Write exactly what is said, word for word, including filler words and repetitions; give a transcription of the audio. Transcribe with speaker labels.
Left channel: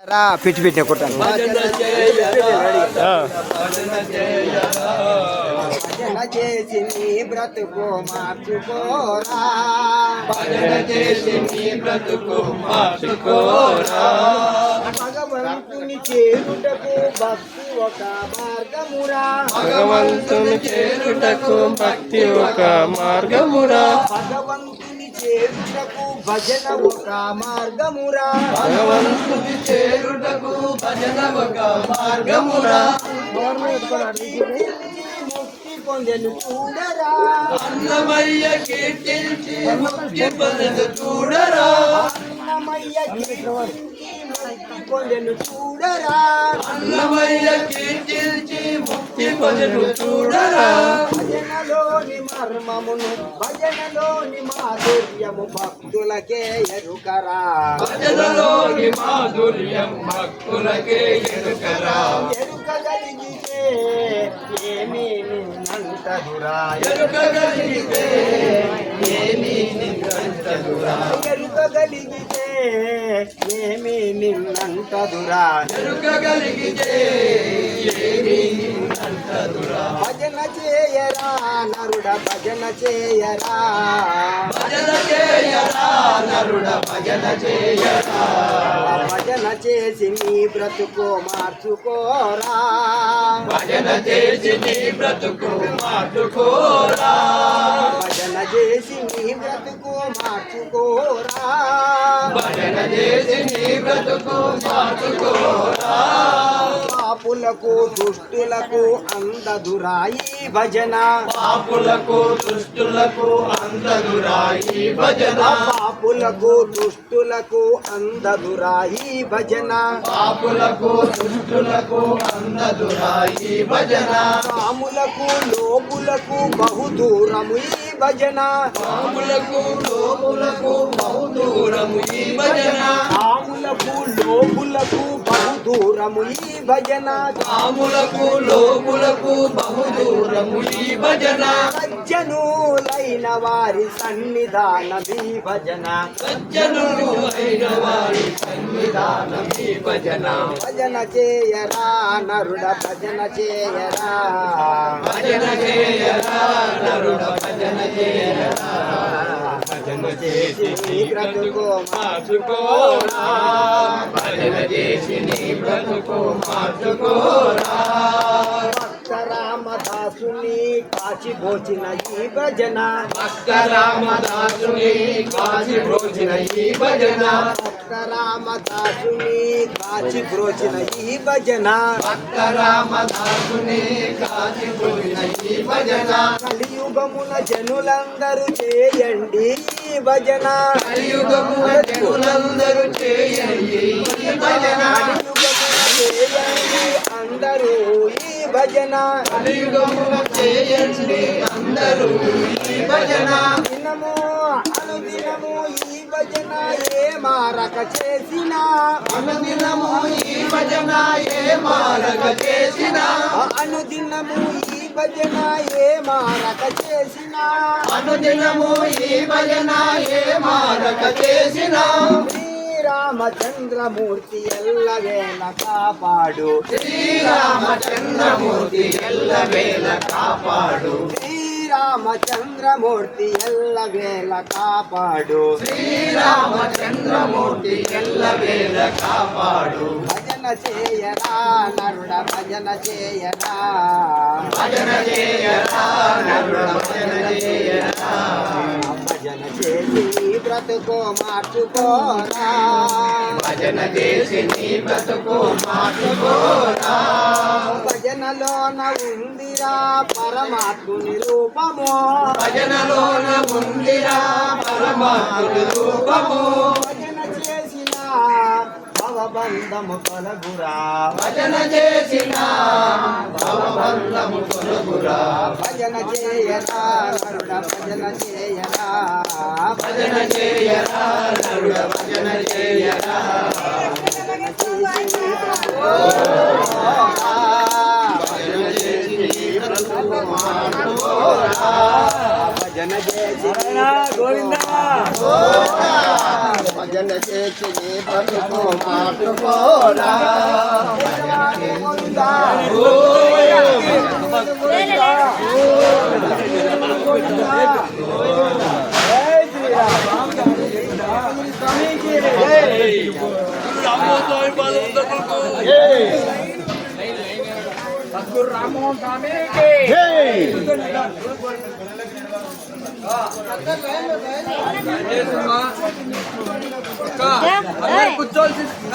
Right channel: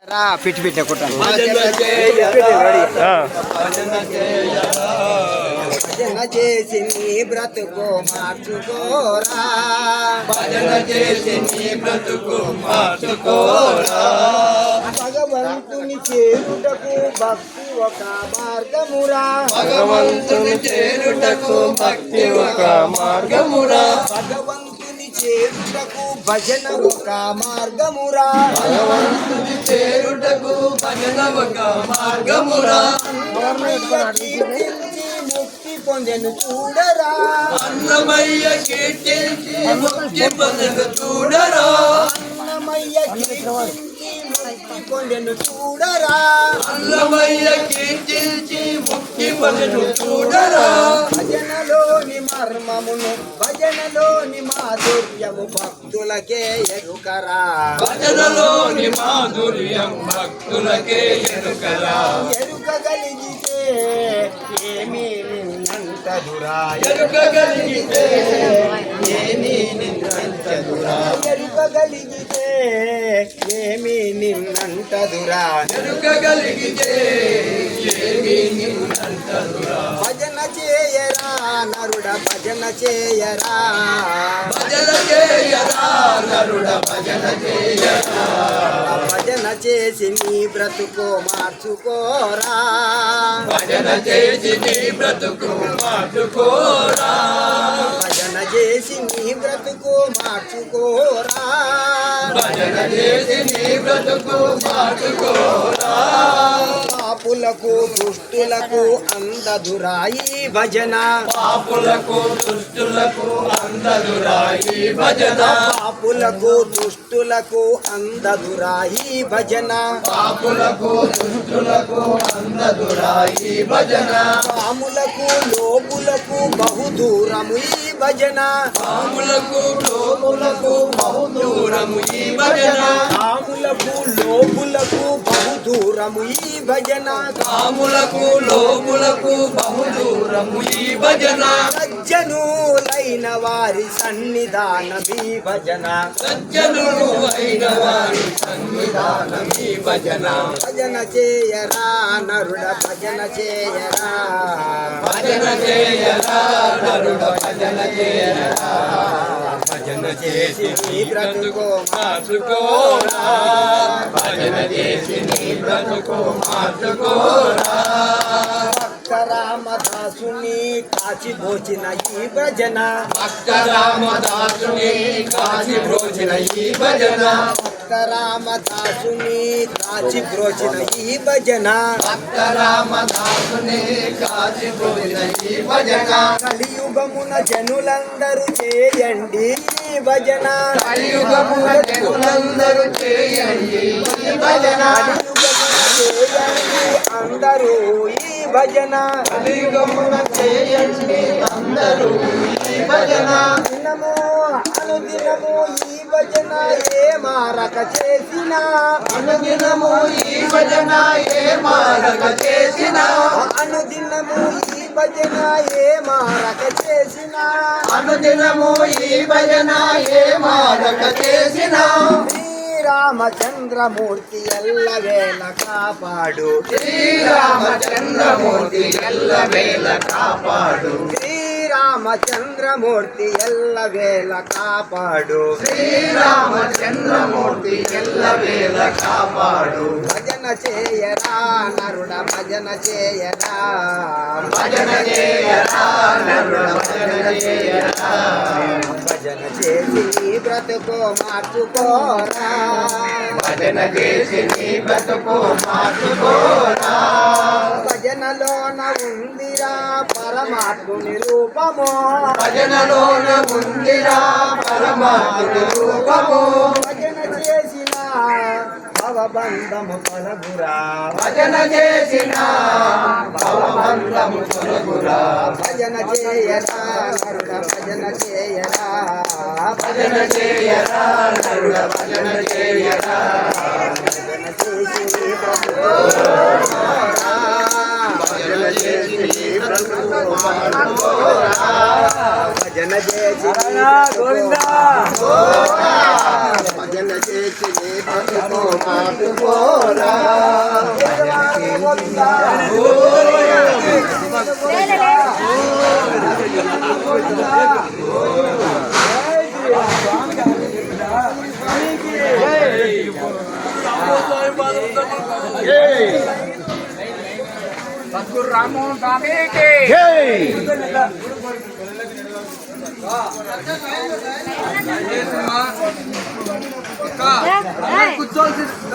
Speaker 1: పిచ్చి పిచ్చి కుట్టాం భజన చేసి నీ బ్రతుకు మార్చుకోరా,
Speaker 2: భజన చేసి నీ బ్రతుకు మార్చుకోరా.
Speaker 1: భగవంతుని చేరుటకు భక్తి ఒక మార్గమురా,
Speaker 2: భగవంతుని చేరుటకు భక్తి ఒక మార్గమురా.
Speaker 1: భగవంతుని చేరుటకు భజన ఒక మార్గమురా,
Speaker 2: భగవంతుని చేరుటకు భజన ఒక మార్గమురా.
Speaker 1: ముక్తి పొందెను చూడరా,
Speaker 2: అన్నమయ్య కీర్తించి ముక్తి పొందెను చూడరా.
Speaker 1: అన్నమయ్య కీర్తించి ముక్తి పొందెను చూడరా,
Speaker 2: అన్నమయ్య కీర్తించి ముక్తి పొందెను చూడరా.
Speaker 1: భజనలోని మర్మమును భజనలోని మాధుర్యము భక్తులకే ఎరుకరా,
Speaker 2: భజనలోని మాధుర్యం భక్తులకే ఎరుకరా.
Speaker 1: ఎరుకగలిగితే ఏమీ నిన్నంటదురా,
Speaker 2: ఎరుకగలిగితే ఏమీ నిన్నంటదురా.
Speaker 1: ఎరుకగలిగితే ఏమీ నిన్నంటదురా,
Speaker 2: ఎరుకగలిగితే ఏమీ నిన్నంటదురా.
Speaker 1: భజన చేయరా నరుడ భజన చేయరా,
Speaker 2: భజన చేయరా నరుడ భజన చేయరా.
Speaker 1: భజన చేసి నీ బ్రతుకు మార్చుకోరా,
Speaker 2: భజన చేసి నీ బ్రతుకు మార్చుకోరా.
Speaker 1: భజన చేసి నీ బ్రతుకు మార్చుకోరా,
Speaker 2: భజన చేసి నీ బ్రతుకు మార్చుకోరా.
Speaker 1: పాపులకు దుష్టులకు అందదురాయి భజన,
Speaker 2: పాపులకు దుష్టులకు అందదురాయి భజన.
Speaker 1: పాపులకు దుష్టులకు అందదురాయి భజన,
Speaker 2: పాపులకు దుష్టులకు అందదురాయి భజన.
Speaker 1: పాములకు లోపులకు బహుదూరము ఈ భజన,
Speaker 2: పాములకు లోపులకు బహుదూరము ఈ భజన.
Speaker 1: పాములకు లోపులకు బహుదూరము ఈ భజన,
Speaker 2: పాములకు లోపులకు బహుదూరము ఈ భజన.
Speaker 1: సజ్జనులైన వారి సన్నిధానమీ భజన,
Speaker 2: సజ్జనులు అయిన వారి సన్నిధానం ఈ భజన.
Speaker 1: భజన చేయరా నరుడ భజన చేయరా,
Speaker 2: భజన చేయరా నరుడ భజన చేయరా.
Speaker 1: భజన చేసి నీ బ్రతుకు
Speaker 2: మార్చుకోరా, భజన చేసి నీ బ్రతుకు మార్చుకోరా.
Speaker 1: రామదాసుని కాచి భోచిన ఈ భజన,
Speaker 2: భక్త రామదాసుని కాచి బ్రోచిన ఈ భజన.
Speaker 1: భక్త రామదాసుని కాచి బ్రోచిన ఈ భజన,
Speaker 2: భక్త రామదాసుని కాచి బ్రోచిన ఈ భజన.
Speaker 1: కలియుగమున జనులందరూ చేయండి ఈ భజన,
Speaker 2: కలియుగమున జనులందరూ చేయండి ఈ భజన.
Speaker 1: కలియుగమున చేయండి అందరూ ఈ భజన,
Speaker 2: కలియుగమున చేయండి అందరూ ఈ భజన.
Speaker 1: దినము అనుదినము ఈ భజన ఏ మారక చేసిన,
Speaker 2: అనుదినము ఈ భజన ఏ మారక చేసిన.
Speaker 1: అనుదినము ఈ భజన ఏ మారక చేసిన,
Speaker 2: అనుదినము ఈ భజన ఏ మారక చేసిన.
Speaker 1: శ్రీరామచంద్రమూర్తి ఎల్లవేళ కాపాడు,
Speaker 2: శ్రీరామచంద్రమూర్తి ఎల్లవేళ కాపాడు.
Speaker 1: శ్రీరామచంద్రమూర్తి ఎల్లవేళ కాపాడు,
Speaker 2: శ్రీరామచంద్రమూర్తి ఎల్లవేళ కాపాడు.
Speaker 1: భజన చేయరా నరుడ భజన చేయరా,
Speaker 2: భజన చేయరా నరుడ భజన చేయరా.
Speaker 1: భజన చేసి నీ బ్రతుకు మార్చుకోరా,
Speaker 2: భజన చేసి నీ బ్రతుకు మార్చుకోరా.
Speaker 1: భజనలోన ఉందిరా పరమాత్ముని రూపము,
Speaker 2: భజనలోన ఉందిరా పరమాత్ముని రూపము.
Speaker 1: భజన చేసిన భవబంధము కలగురా,
Speaker 2: భజన చేసిన భవబంధము తొలగురా.
Speaker 1: భజన చేయరా నరుడ భజన చేయరా,
Speaker 2: భజన చేయరా నరుడ భజన చేయరా.
Speaker 1: భజన చేసి నీ బ్రతుకు
Speaker 2: భజన చేసి నీ బ్రతుకు మార్చుకోరా.
Speaker 1: భజన చేసి
Speaker 3: గోవిందా
Speaker 1: భజన చేసి నీ బ్రతుకు మార్చుకోరా.
Speaker 2: పట్టుకోరా
Speaker 3: సద్గురు రామ్మోహన్ స్వామికి కూర్చోవలసింది